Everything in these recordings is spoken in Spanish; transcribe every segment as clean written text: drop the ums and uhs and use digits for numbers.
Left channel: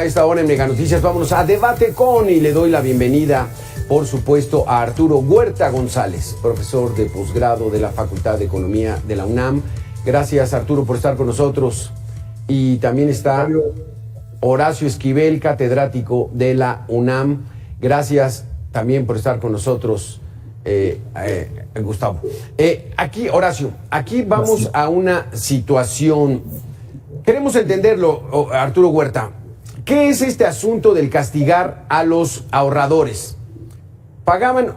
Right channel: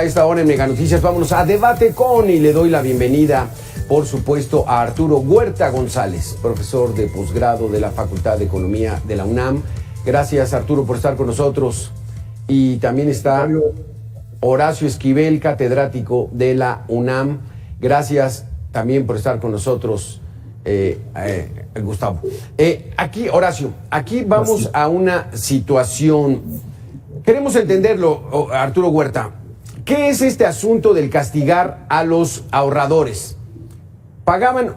A esta hora en Mega Noticias vámonos a Debate Con y le doy la bienvenida, por supuesto, a Arturo Huerta González, profesor de posgrado de la Facultad de Economía de la UNAM. Gracias, Arturo, por estar con nosotros. Y también está Horacio Esquivel, catedrático de la UNAM. Gracias también por estar con nosotros, Gustavo. Aquí, Horacio, aquí vamos a una situación. Queremos entenderlo, Arturo Huerta. ¿Qué es este asunto del castigar a los ahorradores? Pagaban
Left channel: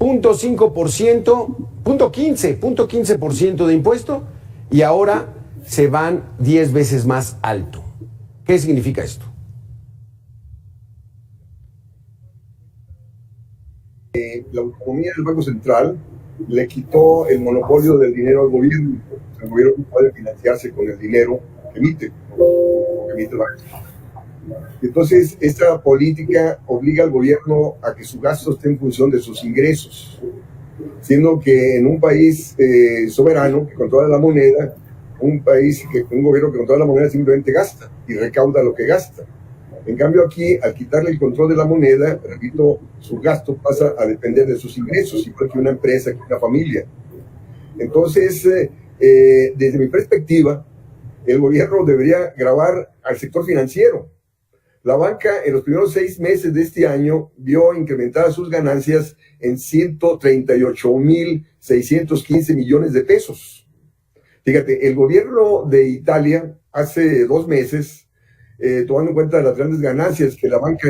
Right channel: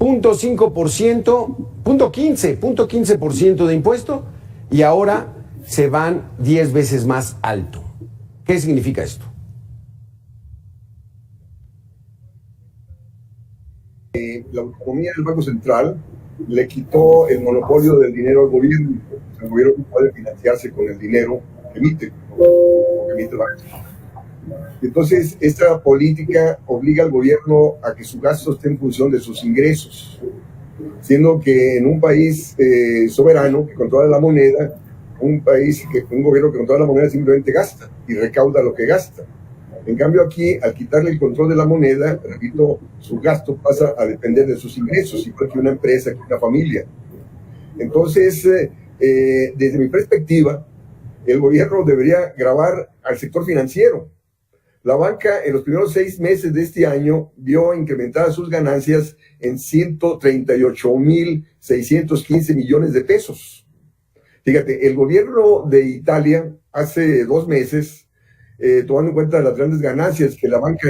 0.5%, 0.15% de impuesto y ahora se van 10 veces más alto. ¿Qué significa esto? La autonomía del Banco Central le quitó el monopolio del dinero al gobierno. El gobierno no puede financiarse con el dinero que emite el Banco. Entonces, esta política obliga al gobierno a que su gasto esté en función de sus ingresos, siendo que en un país soberano que controla la moneda, un gobierno que controla la moneda simplemente gasta y recauda lo que gasta. En cambio aquí, al quitarle el control de la moneda, repito, su gasto pasa a depender de sus ingresos, igual que una empresa, que una familia. Entonces, desde mi perspectiva, el gobierno debería gravar al sector financiero. La banca en los primeros 6 meses de este año vio incrementadas sus ganancias en 138,615 millones de pesos. Fíjate, el gobierno de Italia hace 2 meses, tomando en cuenta las grandes ganancias que la banca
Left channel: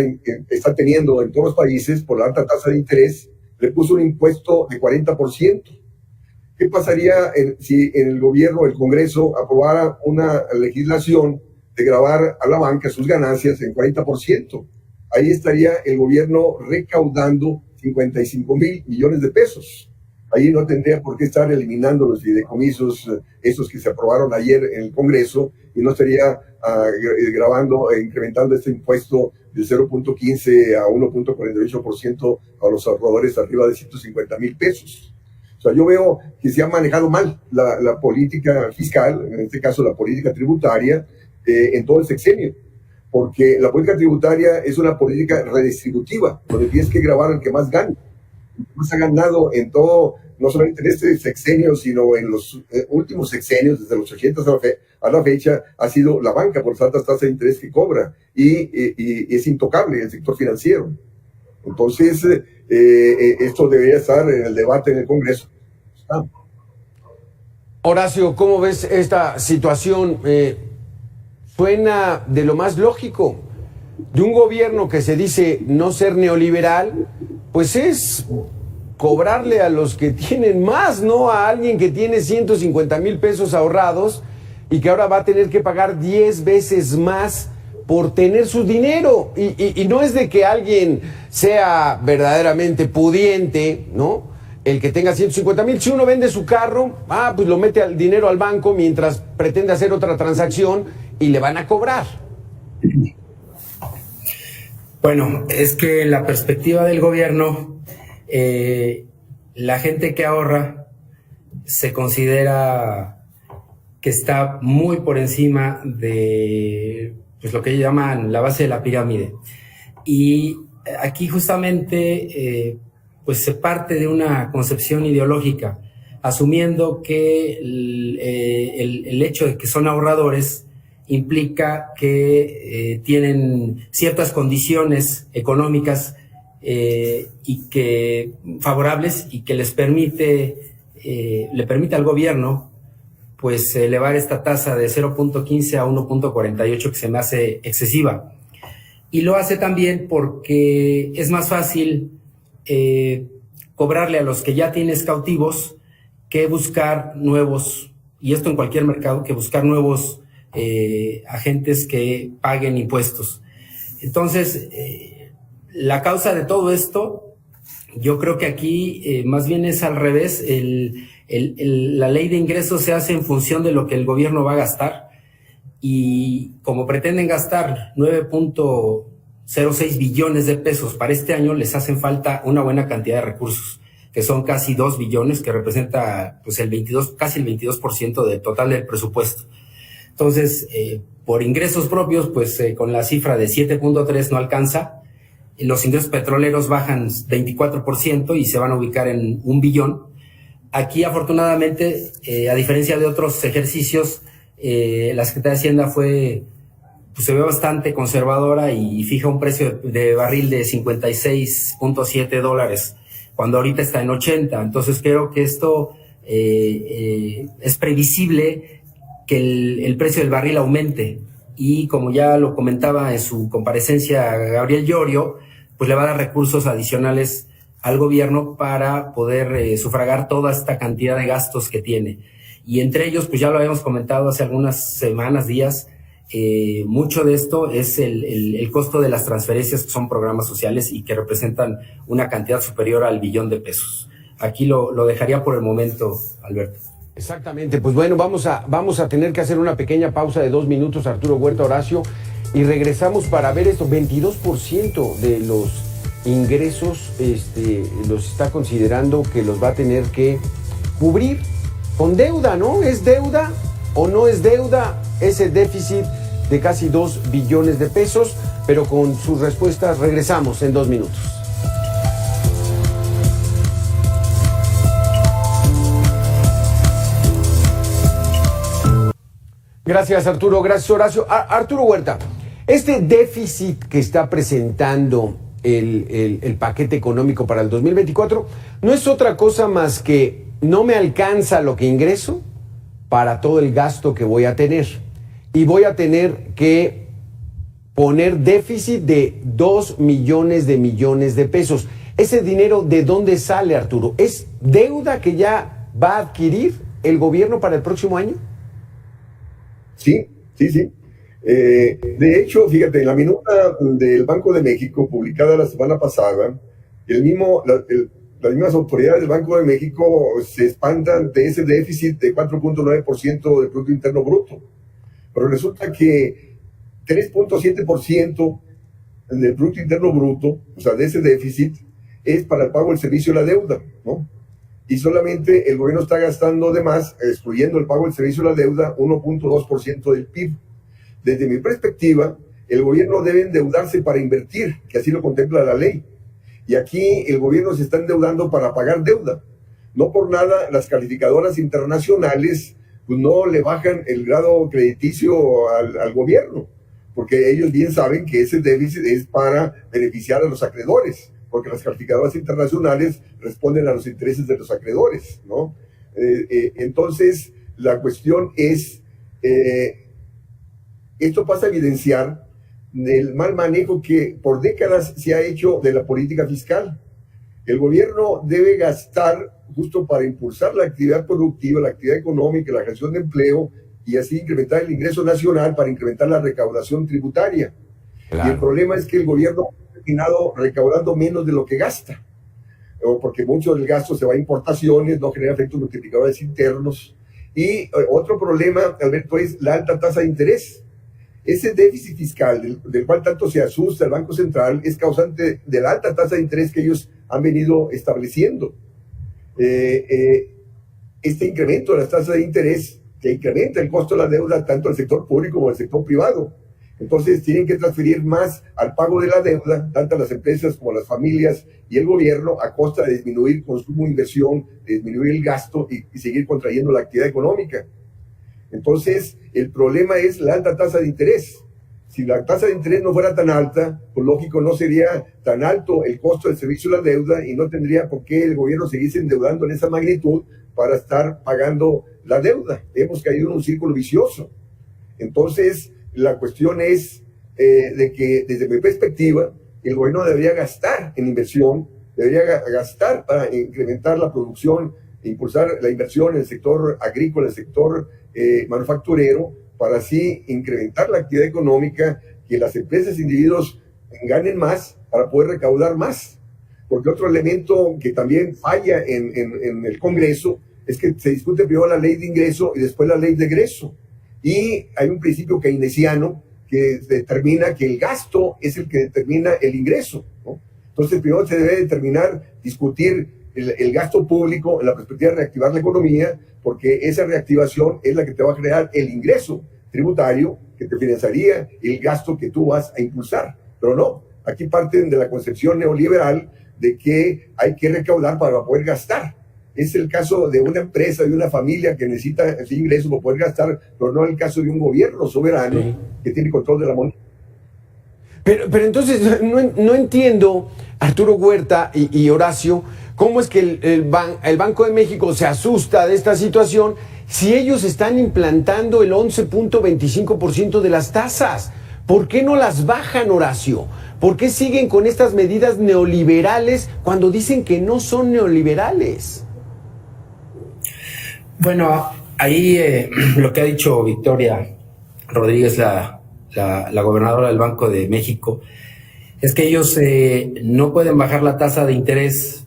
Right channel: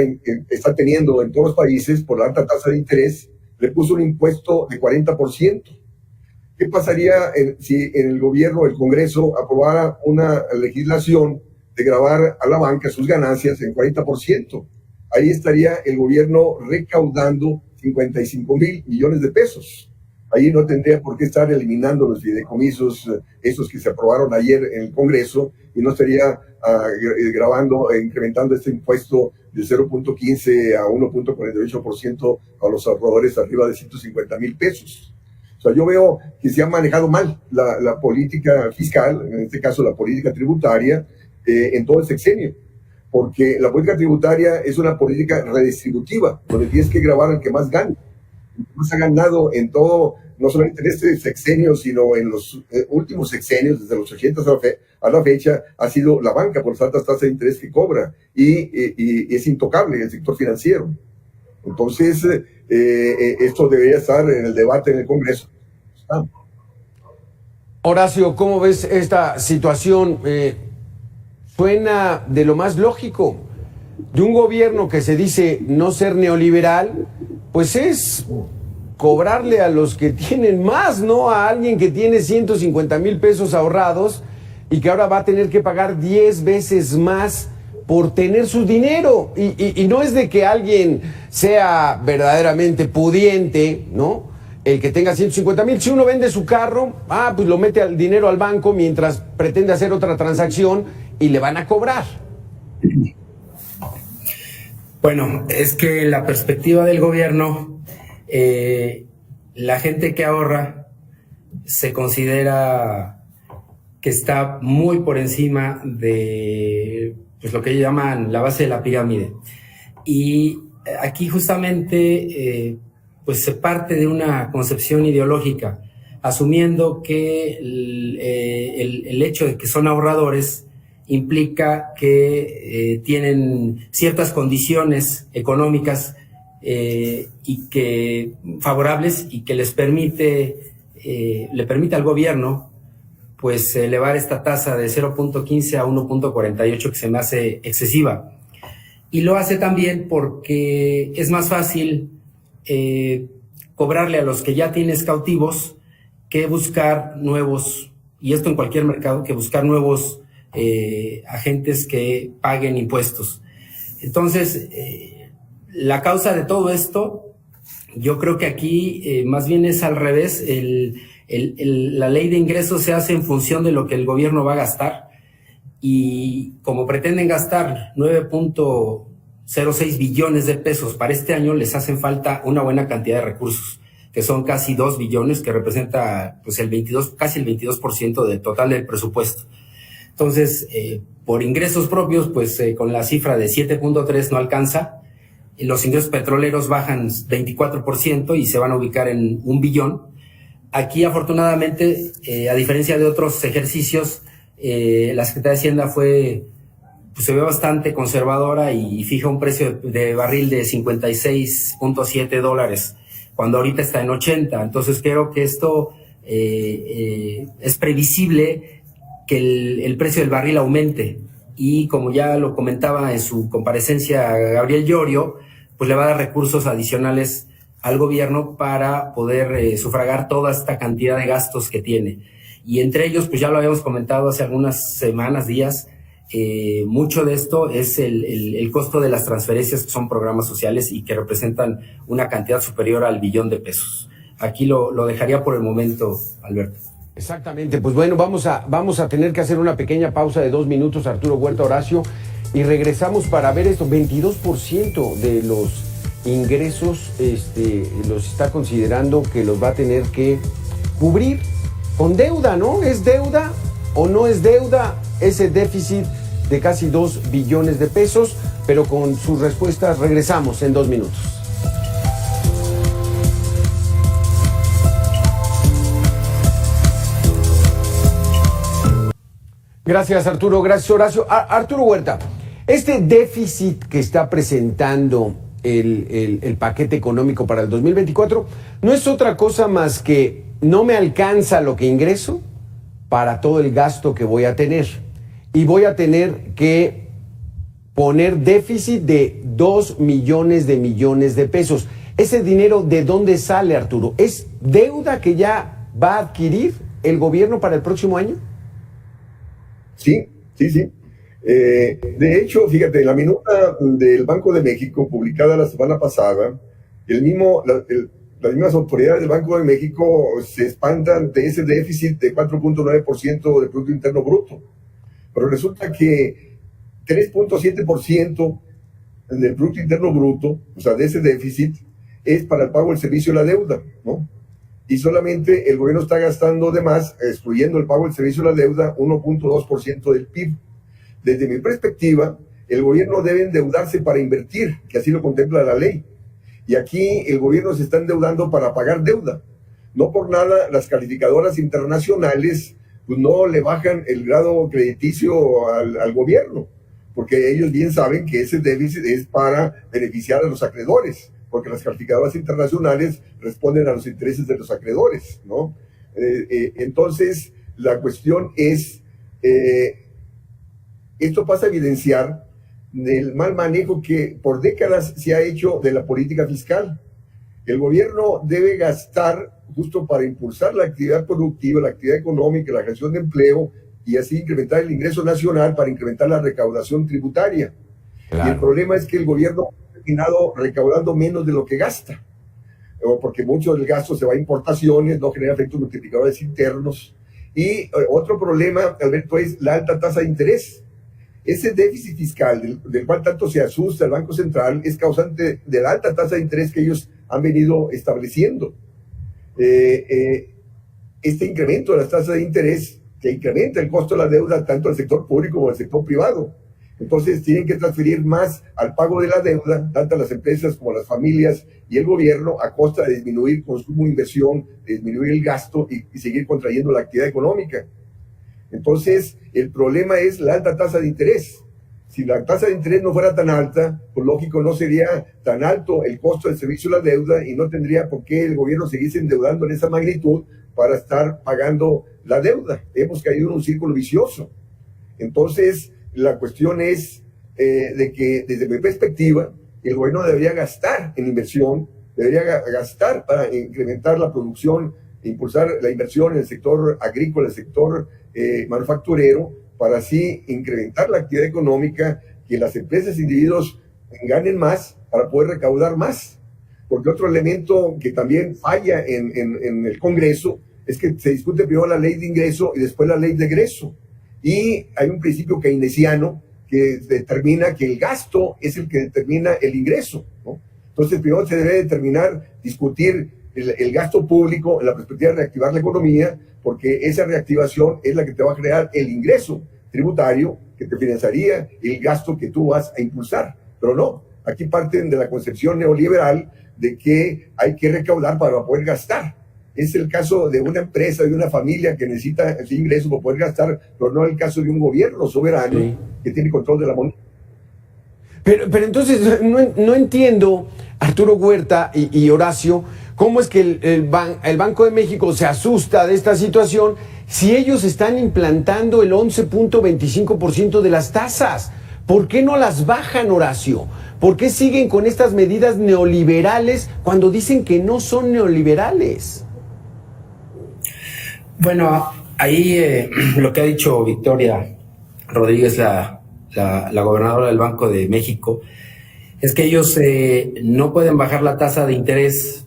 está teniendo en todos los países por la alta tasa de interés, le puso un impuesto de 40%. ¿Qué pasaría si en el gobierno, el Congreso, aprobara una legislación de gravar a la banca sus ganancias en 40%? Ahí estaría el gobierno recaudando 55,000 millones de pesos. Ahí no tendría por qué estar eliminando los fideicomisos, esos que se aprobaron ayer en el Congreso, y no estaría incrementando este impuesto de 0.15 a 1.48% a los ahorradores arriba de 150,000 pesos. O sea, yo veo que se ha manejado mal la política fiscal, en este caso la política tributaria, en todo el sexenio, porque la política tributaria es una política redistributiva, donde tienes que gravar al que más gana. Más ha ganado en todo, no solamente en este sexenio, sino en los últimos sexenios, desde los 80 a la fecha, ha sido la banca por las altas tasas de interés que cobra, y es intocable el sector financiero. Entonces, esto debería estar en el debate en el Congreso. Horacio, ¿cómo ves esta situación? Suena de lo más lógico. De un gobierno que se dice no ser neoliberal, pues es cobrarle a los que tienen más, no a alguien que tiene 150,000 pesos ahorrados y que ahora va a tener que pagar 10 veces más por tener su dinero. Y no es de que alguien sea verdaderamente pudiente, ¿no? El que tenga 150,000, si uno vende su carro, pues lo mete al dinero al banco mientras pretende hacer otra transacción y le van a cobrar. Bueno, es que en la perspectiva del gobierno, la gente que ahorra se considera que está muy por encima de pues, lo que ellos llaman la base de la pirámide. Y aquí justamente pues se parte de una concepción ideológica, asumiendo que el hecho de que son ahorradores implica que tienen ciertas condiciones económicas y que favorables y que le permite al gobierno pues elevar esta tasa de 0.15 a 1.48, que se me hace excesiva. Y lo hace también porque es más fácil cobrarle a los que ya tienes cautivos que buscar nuevos, y esto en cualquier mercado, que buscar nuevos agentes que paguen impuestos. Entonces, la causa de todo esto, yo creo que aquí más bien es al revés. La ley de ingresos se hace en función de lo que el gobierno va a gastar, y como pretenden gastar 9.06 billones de pesos para este año, les hacen falta una buena cantidad de recursos, que son casi 2 billones, que representa pues casi el 22% del total del presupuesto. Entonces, por ingresos propios, pues con la cifra de 7.3 no alcanza. Los ingresos petroleros bajan 24% y se van a ubicar en 1 billón. Aquí, afortunadamente, a diferencia de otros ejercicios, la Secretaría de Hacienda se ve bastante conservadora y fija un precio de barril de $56.7, cuando ahorita está en 80. Entonces creo que esto es previsible que el precio del barril aumente, y como ya lo comentaba en su comparecencia Gabriel Llorio, pues le va a dar recursos adicionales al gobierno para poder sufragar toda esta cantidad de gastos que tiene. Y entre ellos, pues ya lo habíamos comentado hace algunas semanas, días, mucho de esto es el costo de las transferencias, que son programas sociales y que representan una cantidad superior al $1 billón. Aquí lo dejaría por el momento, Alberto. Exactamente, pues bueno, vamos a tener que hacer una pequeña pausa de 2 minutos, Arturo Huerta, Horacio, y regresamos para ver esto. 22% de los ingresos los está considerando que los va a tener que cubrir con deuda, ¿no? ¿Es deuda o no es deuda ese déficit de casi 2 billones de pesos? Pero con sus respuestas regresamos en 2 minutos. Gracias, Arturo. Gracias, Horacio. Arturo Huerta, este déficit que está presentando el paquete económico para el 2024 no es otra cosa más que no me alcanza lo que ingreso para todo el gasto que voy a tener. Y voy a tener que poner déficit de 2 millones de pesos. ¿Ese dinero de dónde sale, Arturo? ¿Es deuda que ya va a adquirir el gobierno para el próximo año? Sí. De hecho, fíjate, en la minuta del Banco de México, publicada la semana pasada, las mismas autoridades del Banco de México se espantan de ese déficit de 4.9% del Producto Interno Bruto. Pero resulta que 3.7% del Producto Interno Bruto, o sea, de ese déficit, es para el pago del servicio de la deuda, ¿no? Y solamente el gobierno está gastando de más, excluyendo el pago del servicio de la deuda, 1.2% del PIB. Desde mi perspectiva, el gobierno debe endeudarse para invertir, que así lo contempla la ley. Y aquí el gobierno se está endeudando para pagar deuda. No por nada las calificadoras internacionales pues no le bajan el grado crediticio al gobierno, porque ellos bien saben que ese déficit es para beneficiar a los acreedores, porque las calificadoras internacionales responden a los intereses de los acreedores, ¿no? Entonces, la cuestión es, esto pasa a evidenciar el mal manejo que por décadas se ha hecho de la política fiscal. El gobierno debe gastar justo para impulsar la actividad productiva, la actividad económica, la creación de empleo, y así incrementar el ingreso nacional para incrementar la recaudación tributaria. Claro. Y el problema es que el gobierno ha terminado recaudando menos de lo que gasta, porque mucho del gasto se va a importaciones, no genera efectos multiplicadores internos. Y otro problema, Alberto, es la alta tasa de interés. Ese déficit fiscal del cual tanto se asusta el Banco Central es causante de la alta tasa de interés que ellos han venido estableciendo. Este incremento de las tasas de interés que incrementa el costo de la deuda tanto al sector público como al sector privado. Entonces tienen que transferir más al pago de la deuda, tanto las empresas como las familias y el gobierno, a costa de disminuir consumo e inversión, de disminuir el gasto y seguir contrayendo la actividad económica. Entonces, el problema es la alta tasa de interés. Si la tasa de interés no fuera tan alta, pues lógico, no sería tan alto el costo del servicio de la deuda y no tendría por qué el gobierno seguirse endeudando en esa magnitud para estar pagando la deuda. Hemos caído en un círculo vicioso. Entonces, la cuestión es de que, desde mi perspectiva, el gobierno debería gastar en inversión, debería gastar para incrementar la producción, impulsar la inversión en el sector agrícola, el sector manufacturero, para así incrementar la actividad económica, que las empresas e individuos ganen más para poder recaudar más. Porque otro elemento que también falla en el Congreso es que se discute primero la ley de ingreso y después la ley de egreso. Y hay un principio keynesiano que determina que el gasto es el que determina el ingreso, ¿no? Entonces, primero se debe discutir el gasto público en la perspectiva de reactivar la economía, porque esa reactivación es la que te va a crear el ingreso, tributario que te financiaría el gasto que tú vas a impulsar. Pero no, aquí parten de la concepción neoliberal de que hay que recaudar para poder gastar. Es el caso de una empresa, de una familia que necesita ese ingreso para poder gastar, pero no el caso de un gobierno soberano que tiene control de la moneda. Pero entonces no entiendo, Arturo Huerta y Horacio, cómo es que el Banco de México se asusta de esta situación si ellos están implantando el 11.25% de las tasas. ¿Por qué no las bajan, Horacio? ¿Por qué siguen con estas medidas neoliberales cuando dicen que no son neoliberales? Bueno, ahí lo que ha dicho Victoria Rodríguez, la gobernadora del Banco de México, es que ellos no pueden bajar la tasa de interés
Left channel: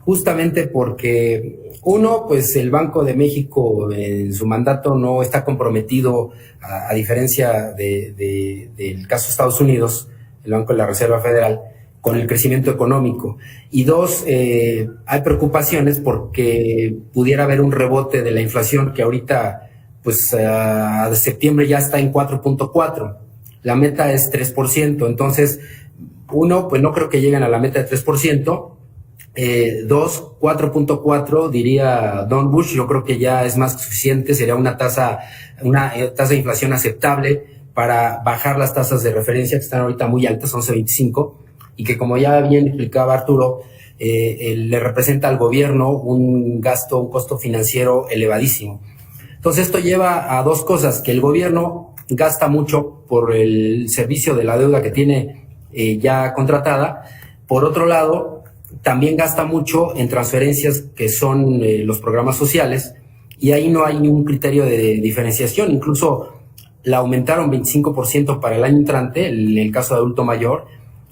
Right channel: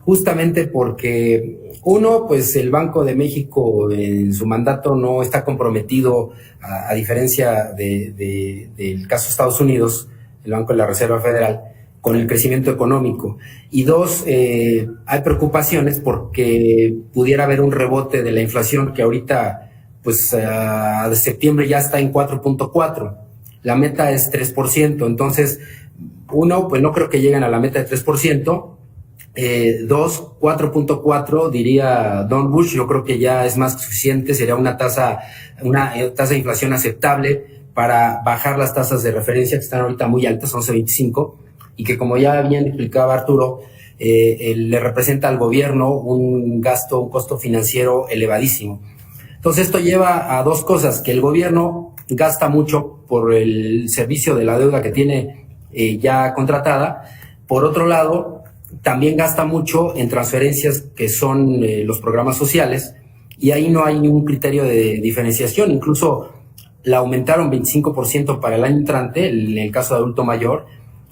justamente porque, uno, pues el Banco de México en su mandato no está comprometido, a diferencia del caso de Estados Unidos, el Banco de la Reserva Federal, con el crecimiento económico. Y dos, hay preocupaciones porque pudiera haber un rebote de la inflación que ahorita, pues de septiembre ya está en 4.4. La meta es 3%. Entonces, uno, pues no creo que lleguen a la meta de 3%. Dos, 4.4, diría Don Bush, yo creo que ya es más que suficiente, sería una tasa de inflación aceptable para bajar las tasas de referencia que están ahorita muy altas, 11.25, y que, como ya bien explicaba Arturo, le representa al gobierno un costo financiero elevadísimo. Entonces esto lleva a dos cosas: que el gobierno gasta mucho por el servicio de la deuda que tiene ya contratada. Por otro lado, también gasta mucho en transferencias que son los programas sociales, y ahí no hay ningún criterio de diferenciación. Incluso la aumentaron 25% para el año entrante, en el caso de adulto mayor,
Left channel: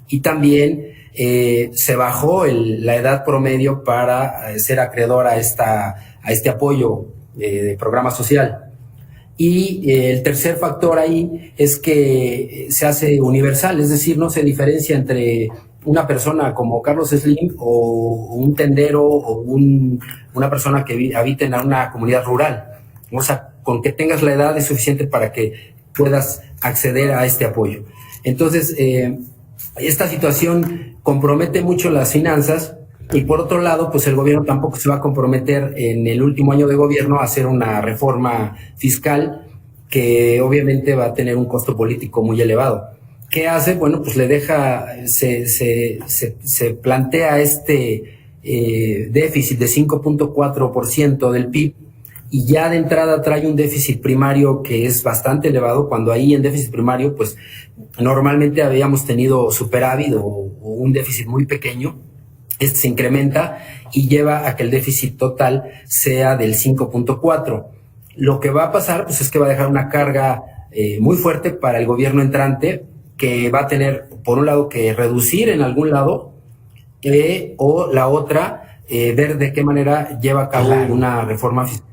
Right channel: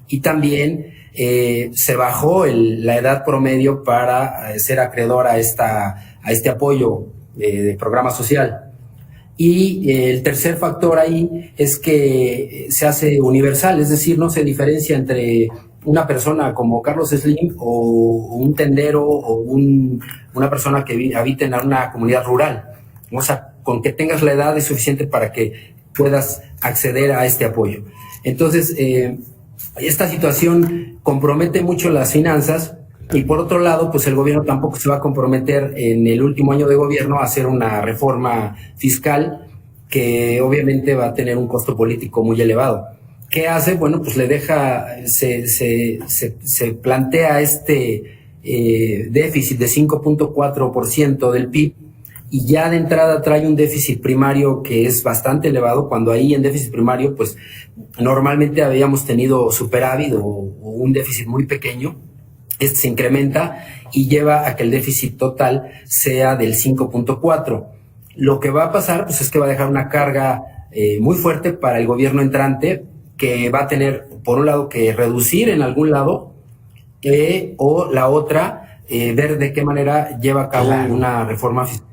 y también se bajó la edad promedio para ser acreedor a este apoyo de programa social. Y el tercer factor ahí es que se hace universal, es decir, no se diferencia entre una persona como Carlos Slim o un tendero o una persona que habita en una comunidad rural. O sea, con que tengas la edad es suficiente para que puedas acceder a este apoyo. Entonces, esta situación compromete mucho las finanzas, y por otro lado, pues el gobierno tampoco se va a comprometer en el último año de gobierno a hacer una reforma fiscal que obviamente va a tener un costo político muy elevado. ¿Qué hace? Bueno, pues le deja, se plantea este déficit de 5.4% del PIB, y ya de entrada trae un déficit primario que es bastante elevado, cuando ahí el déficit primario, pues normalmente habíamos tenido superávit o un déficit muy pequeño. Este se incrementa y lleva a que el déficit total sea del 5.4. Lo que va a pasar, pues, es que va a dejar una carga muy fuerte para el gobierno entrante, que va a tener, por un lado, que reducir en algún lado, o la otra, ver de qué manera lleva a cabo una reforma fiscal,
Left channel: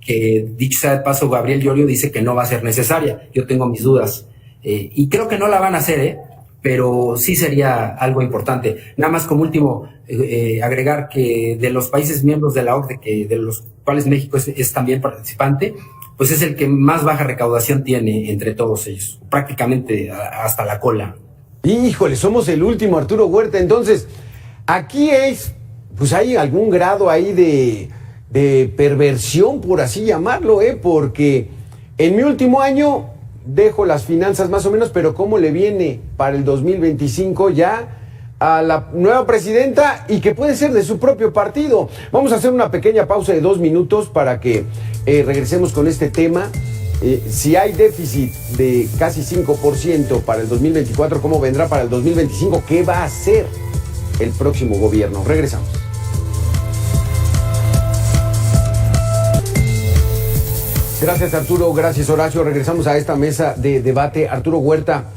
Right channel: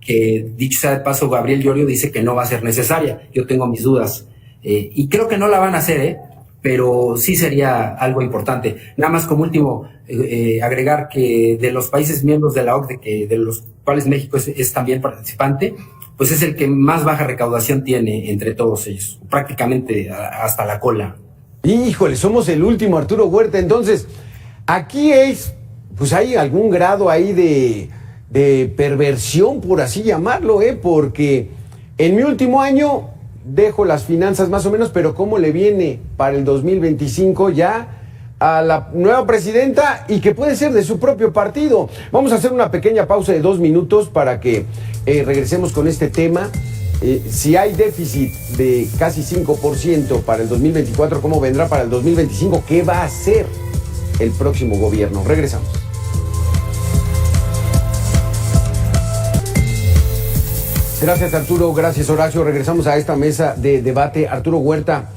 que, dicho sea de paso, Gabriel Llorio dice que no va a ser necesaria. Yo tengo mis dudas, y creo que no la van a hacer, pero sí sería algo importante. Nada más como último, agregar que de los países miembros de la OCDE, de los cuales México es también participante, pues es el que más baja recaudación tiene entre todos ellos, prácticamente hasta la cola. Híjole, somos el último, Arturo Huerta. Entonces, aquí pues hay algún grado ahí de perversión, por así llamarlo, porque en mi último año dejo las finanzas más o menos, pero ¿cómo le viene para el 2025 ya a la nueva presidenta, y que puede ser de su propio partido? Vamos a hacer una pequeña pausa de 2 minutos para que regresemos con este tema. Si hay déficit de casi 5% para el 2024, ¿cómo vendrá para el 2025? ¿Qué va a hacer el próximo gobierno? Regresamos. Gracias, Arturo. Gracias, Horacio. Regresamos a esta mesa de debate. Arturo Huerta,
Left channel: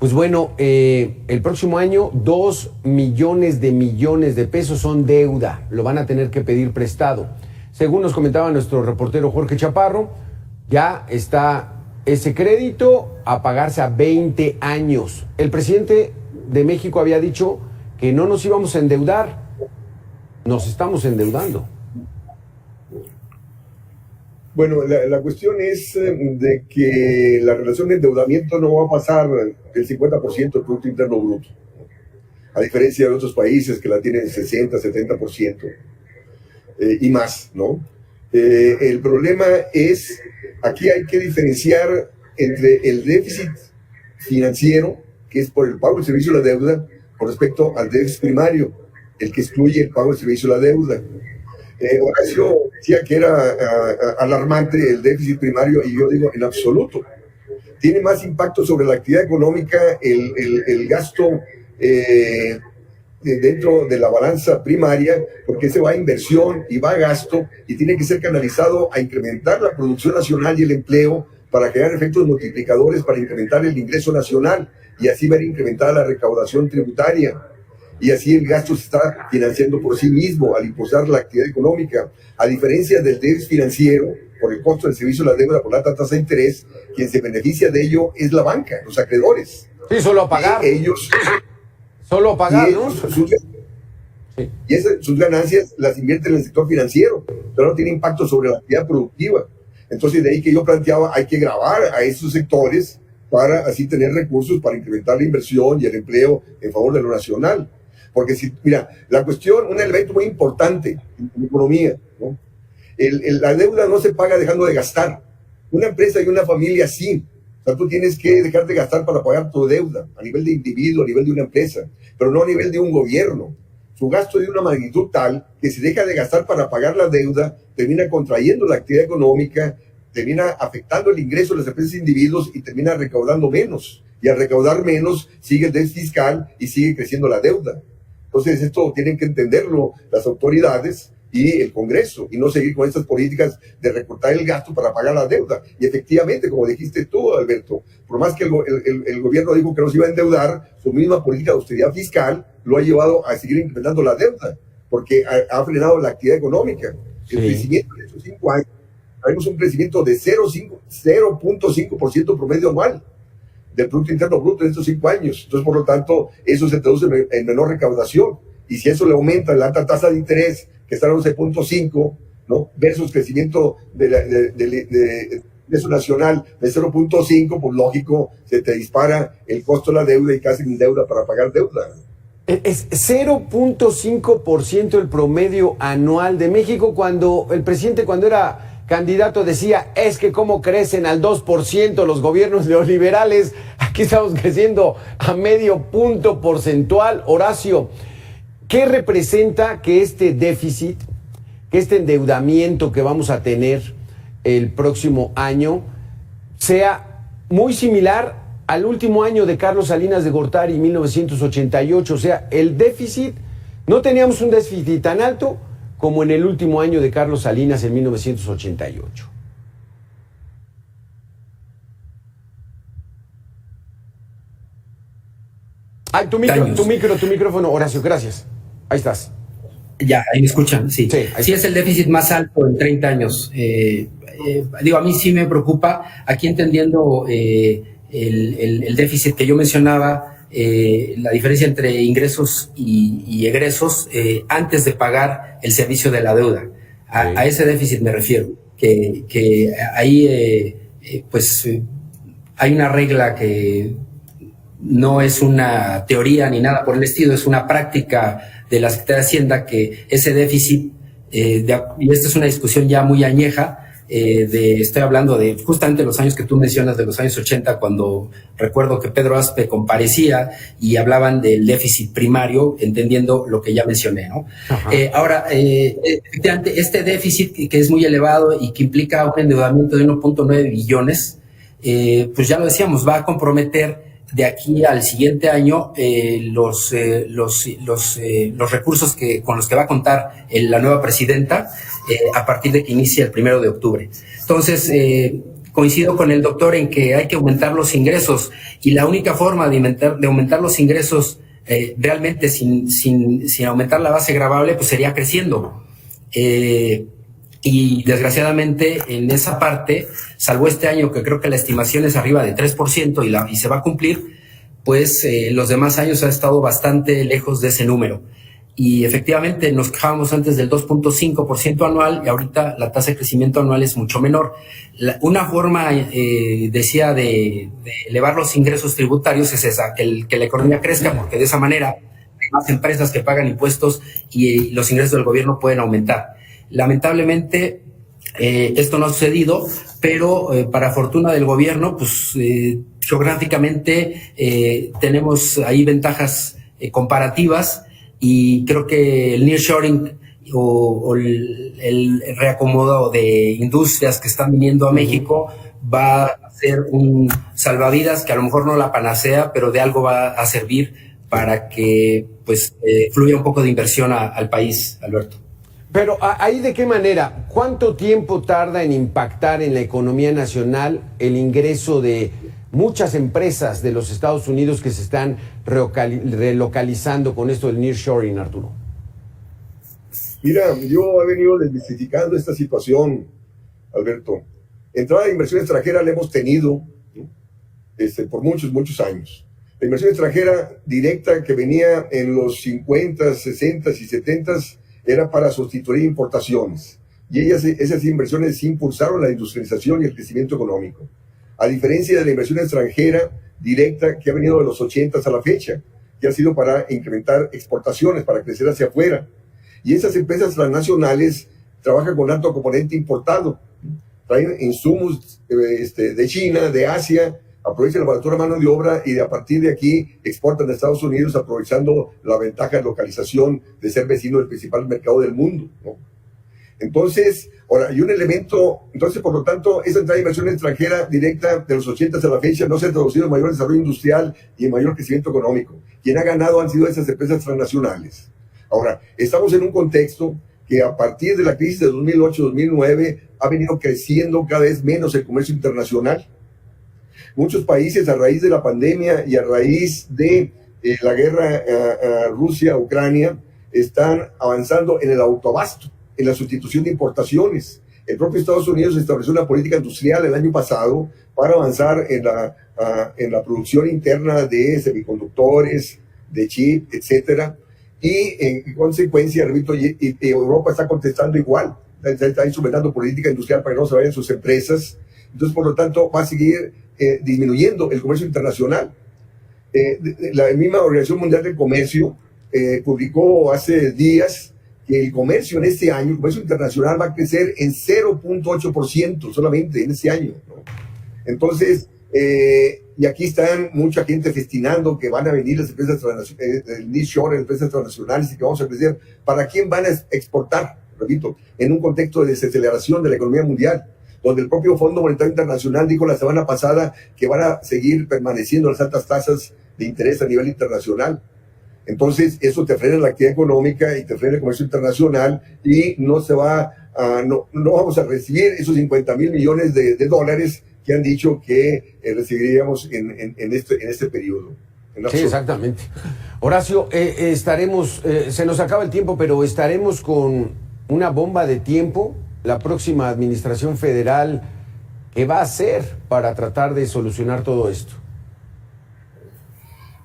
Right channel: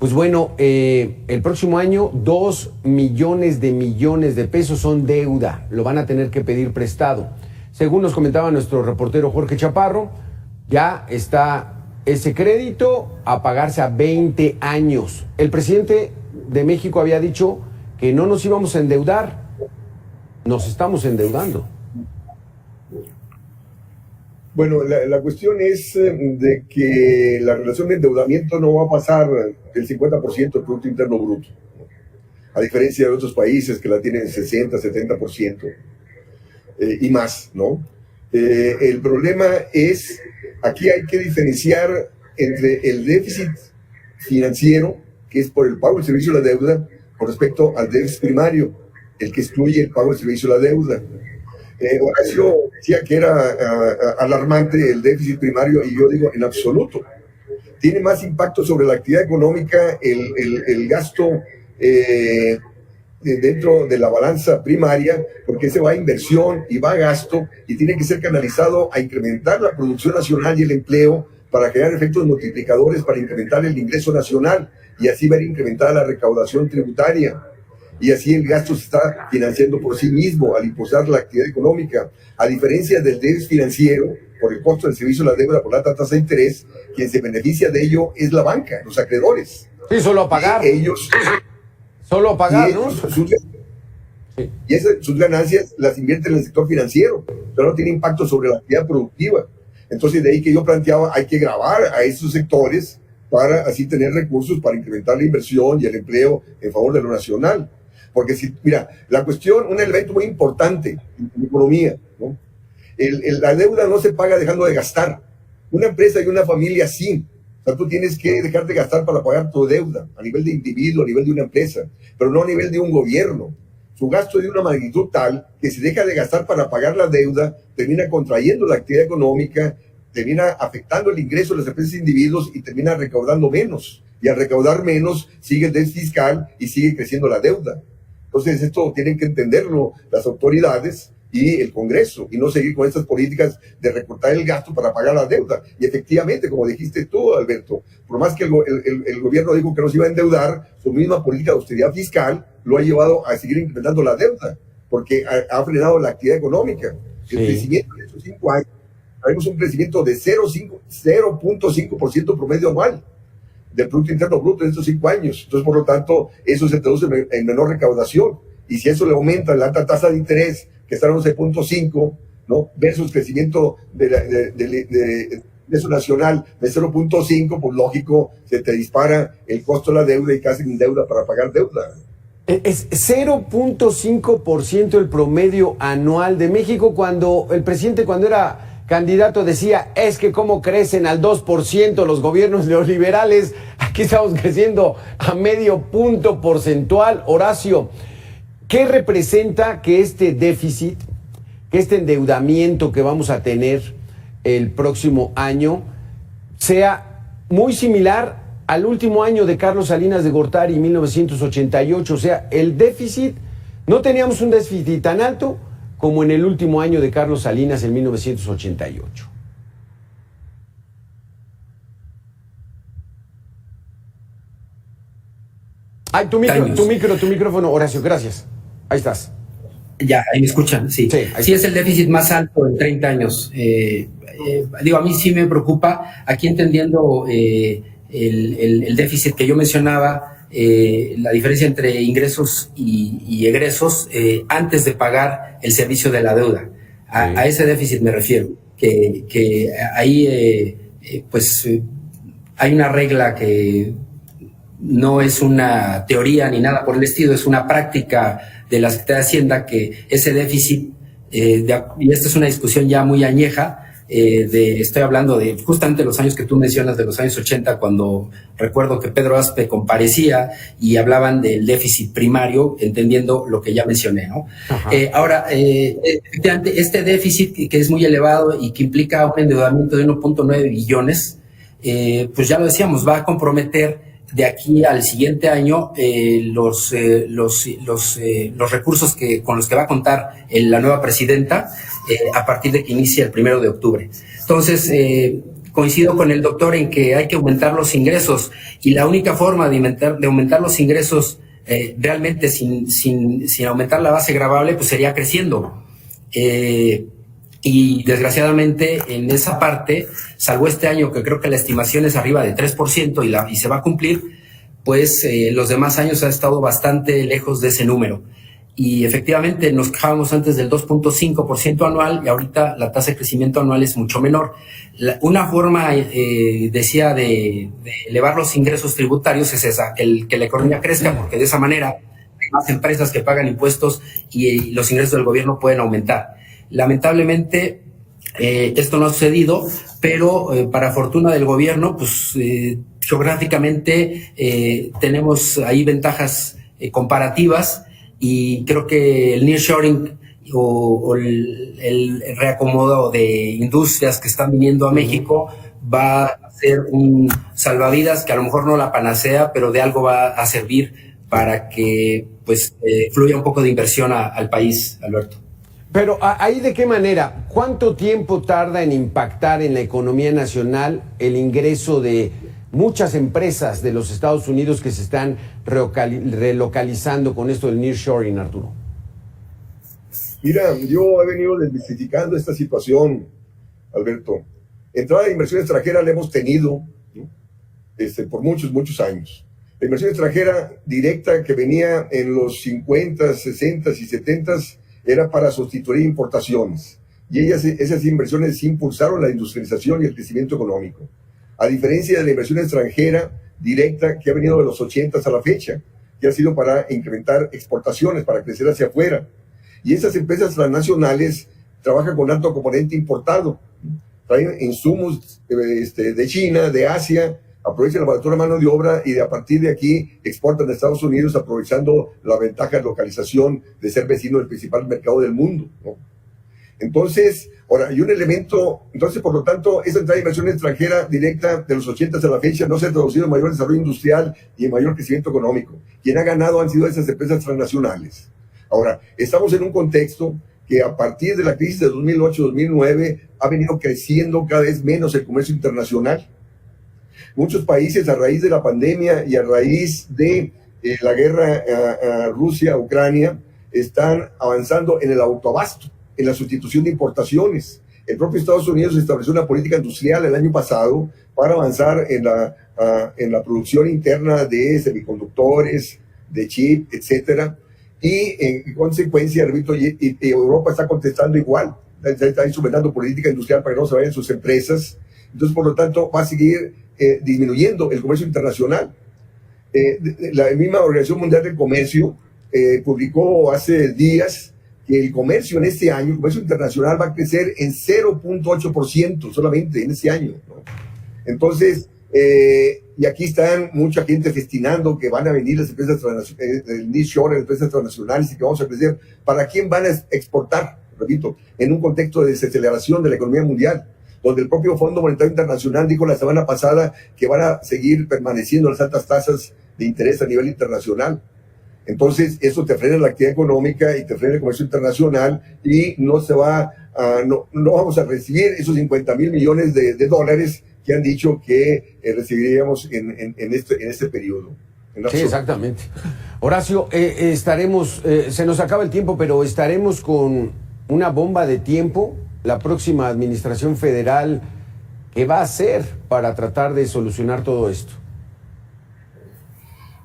pues bueno, el próximo año 2 millones de pesos son deuda. Lo van a tener que pedir prestado. Según nos comentaba nuestro reportero Jorge Chaparro, ya está ese crédito a pagarse a 20 años. El presidente de México había dicho que no nos íbamos a endeudar. Nos estamos endeudando. Bueno, la cuestión es de que la relación de endeudamiento no va a pasar del 50% del Producto Interno Bruto, a diferencia de otros países que la tienen 60, 70% y más, ¿no? El problema es, aquí hay que diferenciar entre el déficit financiero, que es por el pago del servicio de la deuda, con respecto al déficit primario, el que excluye el pago del servicio de la deuda. Horacio decía que era alarmante el déficit primario, y yo digo en absoluto. Tiene más impacto sobre la actividad económica el gasto dentro de la balanza primaria, porque se va a inversión y va a gasto, y tiene que ser canalizado a incrementar la producción nacional y el empleo para crear efectos multiplicadores, para incrementar el ingreso nacional y así ver incrementada la recaudación tributaria. Y así el gasto se está financiando por sí mismo al impulsar la actividad económica. A diferencia del déficit financiero, por el costo del servicio de la deuda, por la alta tasa de interés, quien se beneficia de ello es la banca, los acreedores. Sí, solo a pagar. Y ellos... Solo a pagar, ¿no? Sus ganancias las invierten en el sector financiero, pero no tiene impacto sobre la actividad productiva. Entonces, de ahí que yo planteaba, hay que gravar a esos sectores para así tener recursos para incrementar la inversión y el empleo en favor de lo nacional. Porque si, mira, la cuestión, un elemento muy importante en la economía, ¿no? La deuda no se paga dejando de gastar. Una empresa y una familia sí. O sea, tú tienes que dejar de gastar para pagar tu deuda, a nivel de individuo, a nivel de una empresa, pero no a nivel de un gobierno. Su gasto es de una magnitud tal que si deja de gastar para pagar la deuda, termina contrayendo la actividad económica, termina afectando el ingreso de las empresas e individuos y termina recaudando menos. Y al recaudar menos, sigue el déficit fiscal y sigue creciendo la deuda. Entonces, esto tienen que entenderlo las autoridades y el Congreso, y no seguir con estas políticas de recortar el gasto para pagar la deuda. Y efectivamente, como dijiste tú, Alberto, por más que el gobierno dijo que no se iba a endeudar, su misma política de austeridad fiscal lo ha llevado a seguir incrementando la deuda, porque ha frenado la actividad económica. El crecimiento de estos 5 años, tenemos un crecimiento de 0.5% promedio anual del Producto Interno Bruto en estos 5 años. Entonces, por lo tanto, eso se traduce en menor recaudación. Y si eso le aumenta la alta tasa de interés, que está en 11.5, ¿no? Versus crecimiento de ingreso nacional de 0.5, pues lógico, se te dispara el costo de la deuda y casi sin deuda para pagar deuda. Es 0.5% el promedio anual de México, cuando el presidente, cuando era candidato, decía, es que cómo crecen al 2% los gobiernos neoliberales, aquí estamos creciendo a medio punto porcentual. Horacio, ¿qué representa que este déficit, que este endeudamiento que vamos a tener el próximo año sea muy similar al último año de Carlos Salinas de Gortari, 1988? O sea, el déficit, no teníamos un déficit tan alto como en el último año de Carlos Salinas en 1988. Ay, tu micrófono, Horacio, gracias. Ahí estás. Ya, ahí me escuchan, sí. Sí, es el déficit más alto en 30 años. A mí sí me preocupa, aquí entendiendo el déficit que yo mencionaba, la diferencia entre ingresos y egresos antes de pagar el servicio de la deuda. A ese déficit me refiero, que ahí hay una regla que no es una teoría ni nada por el estilo, es una práctica de la Secretaría de Hacienda, que ese déficit, y esta es una discusión ya muy añeja, estoy hablando de justamente los años que tú mencionas, de los años 80, cuando recuerdo que Pedro Aspe comparecía y hablaban del déficit primario, entendiendo lo que ya mencioné, ¿no? Ahora, efectivamente, este déficit que es muy elevado y que implica un endeudamiento de 1.9 billones, pues ya lo decíamos, va a comprometer de aquí al siguiente año los recursos con los que va a contar la nueva presidenta a partir de que inicie el 1 de octubre. Entonces, coincido con el doctor en que hay que aumentar los ingresos, y la única forma de aumentar los ingresos realmente sin aumentar la base gravable, pues sería creciendo. Y desgraciadamente en esa parte, salvo este año que creo que la estimación es arriba de 3% y se va a cumplir, pues los demás años ha estado bastante lejos de ese número. y efectivamente nos quejábamos antes del 2.5% anual y ahorita la tasa de crecimiento anual es mucho menor. Una forma, decía, de elevar los ingresos tributarios es esa, que la economía crezca, porque de esa manera hay más empresas que pagan impuestos y los ingresos del gobierno pueden aumentar. Lamentablemente, esto no ha sucedido, pero para fortuna del gobierno, pues geográficamente tenemos ahí ventajas comparativas, y creo que el nearshoring o el reacomodo de industrias que están viniendo a México va a ser un salvavidas, que a lo mejor no la panacea, pero de algo va a servir para que pues fluya un poco de inversión al país, Alberto. Pero ahí, ¿de qué manera? ¿Cuánto tiempo tarda en impactar en la economía nacional el ingreso de muchas empresas de los Estados Unidos que se están relocalizando con esto del nearshoring, Arturo? Mira, yo he venido desmitificando esta situación, Alberto. Entrada de inversión extranjera la hemos tenido, ¿no? Por muchos años. La inversión extranjera directa que venía en los 50, 60 y 70 era para sustituir importaciones. Y esas inversiones impulsaron la industrialización y el crecimiento económico. A diferencia de la inversión extranjera directa que ha venido de los 80 a la fecha, que ha sido para incrementar exportaciones, para crecer hacia afuera. Y esas empresas transnacionales trabajan con alto componente importado, traen insumos de China, de Asia, aprovechan la baratura mano de obra y a partir de aquí exportan a Estados Unidos aprovechando la ventaja de localización de ser vecino del principal mercado del mundo, ¿no? Entonces, ahora, hay un elemento, entonces, por lo tanto, esa entrada de inversión extranjera directa de los 80 a la fecha no se ha traducido en mayor desarrollo industrial y en mayor crecimiento económico. Quien ha ganado han sido esas empresas transnacionales. Ahora, estamos en un contexto que a partir de la crisis de 2008-2009 ha venido creciendo cada vez menos el comercio internacional. Muchos países, a raíz de la pandemia y a raíz de la guerra a Rusia-Ucrania, están avanzando en el autoabasto, en la sustitución de importaciones. El propio Estados Unidos estableció una política industrial el año pasado para avanzar en la producción interna de semiconductores, de chip, etcétera. Y en consecuencia, repito, Europa está contestando igual. Está instrumentando política industrial para que no se vayan sus empresas. Entonces, por lo tanto, va a seguir disminuyendo el comercio internacional. La misma Organización Mundial del Comercio publicó hace días que el comercio en este año, el comercio internacional va a crecer en 0.8% solamente en este año, ¿no? Entonces, y aquí están mucha gente festinando que van a venir las empresas el nearshoring, las empresas transnacionales y que vamos a crecer. ¿Para quién van a exportar? Repito, en un contexto de desaceleración de la economía mundial, donde el propio Fondo Monetario Internacional dijo la semana pasada que van a seguir permaneciendo las altas tasas de interés a nivel internacional. Entonces, eso te frena la actividad económica y te frena el comercio internacional y no vamos a recibir esos 50 mil millones de dólares que han dicho que recibiríamos en este periodo. Sí, exactamente. Horacio, estaremos, se nos acaba el tiempo, pero estaremos con una bomba de tiempo la próxima administración federal. ¿Qué va a hacer para tratar de solucionar todo esto?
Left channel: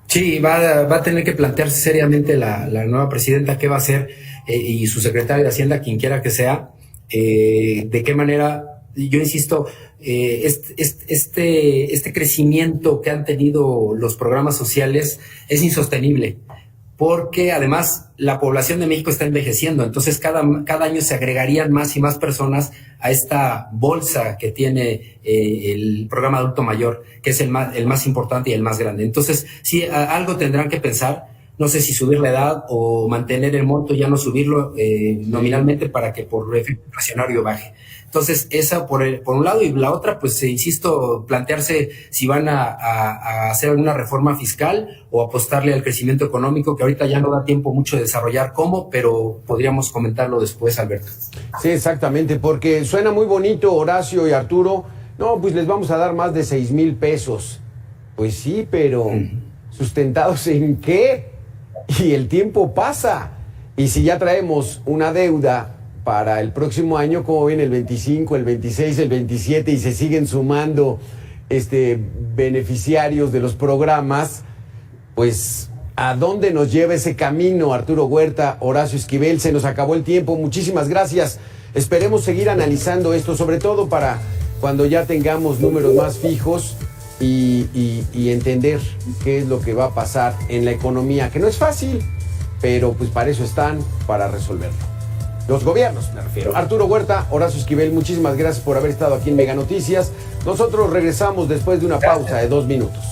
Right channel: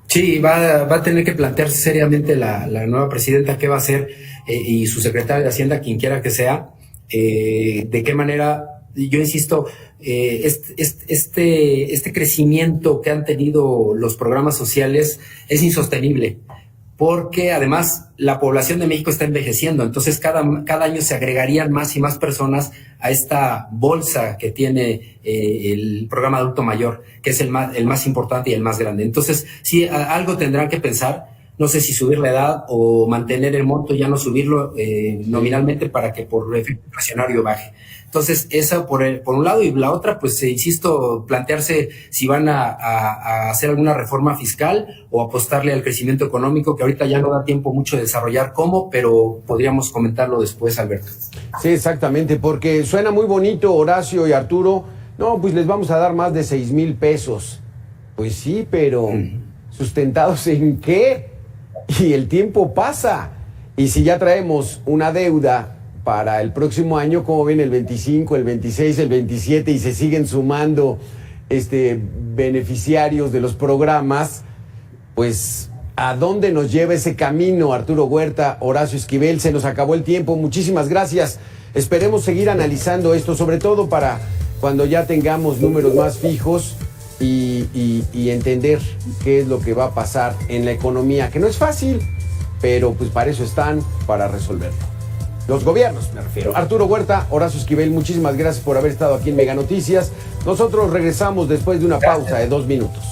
Sí, va a tener que plantearse seriamente la nueva presidenta qué va a hacer y su secretario de Hacienda, quien quiera que sea, de qué manera, yo insisto, este crecimiento que han tenido los programas sociales es insostenible, porque además la población de México está envejeciendo, entonces cada año se agregarían más y más personas a esta bolsa que tiene el programa adulto mayor, que es el más importante y el más grande. Entonces, sí, algo tendrán que pensar, no sé si subir la edad o mantener el monto, ya no subirlo nominalmente para que por efecto inflacionario baje. Entonces, esa por un lado, y la otra, pues insisto, plantearse si van a hacer alguna reforma fiscal o apostarle al crecimiento económico, que ahorita ya no da tiempo mucho de desarrollar cómo, pero podríamos comentarlo después, Alberto. Sí, exactamente, porque suena muy bonito, Horacio y Arturo. No, pues les vamos a dar más de 6,000 pesos. Pues sí, pero ¿sustentados en qué? Y el tiempo pasa. Y si ya traemos una deuda para el próximo año, como ven, el 25, el 26, el 27, y se siguen sumando beneficiarios de los programas, pues ¿A dónde nos lleva ese camino, Arturo Huerta, Horacio Esquivel? Se nos acabó el tiempo, muchísimas gracias. Esperemos seguir analizando esto, sobre todo para cuando ya tengamos números más fijos y entender qué es lo que va a pasar en la economía, que no es fácil, pero pues para eso están, para resolverlo. Los gobiernos, me refiero. Arturo Huerta, Horacio Esquivel, muchísimas gracias por haber estado aquí en Mega Noticias. Nosotros regresamos después de una pausa de 2 minutos.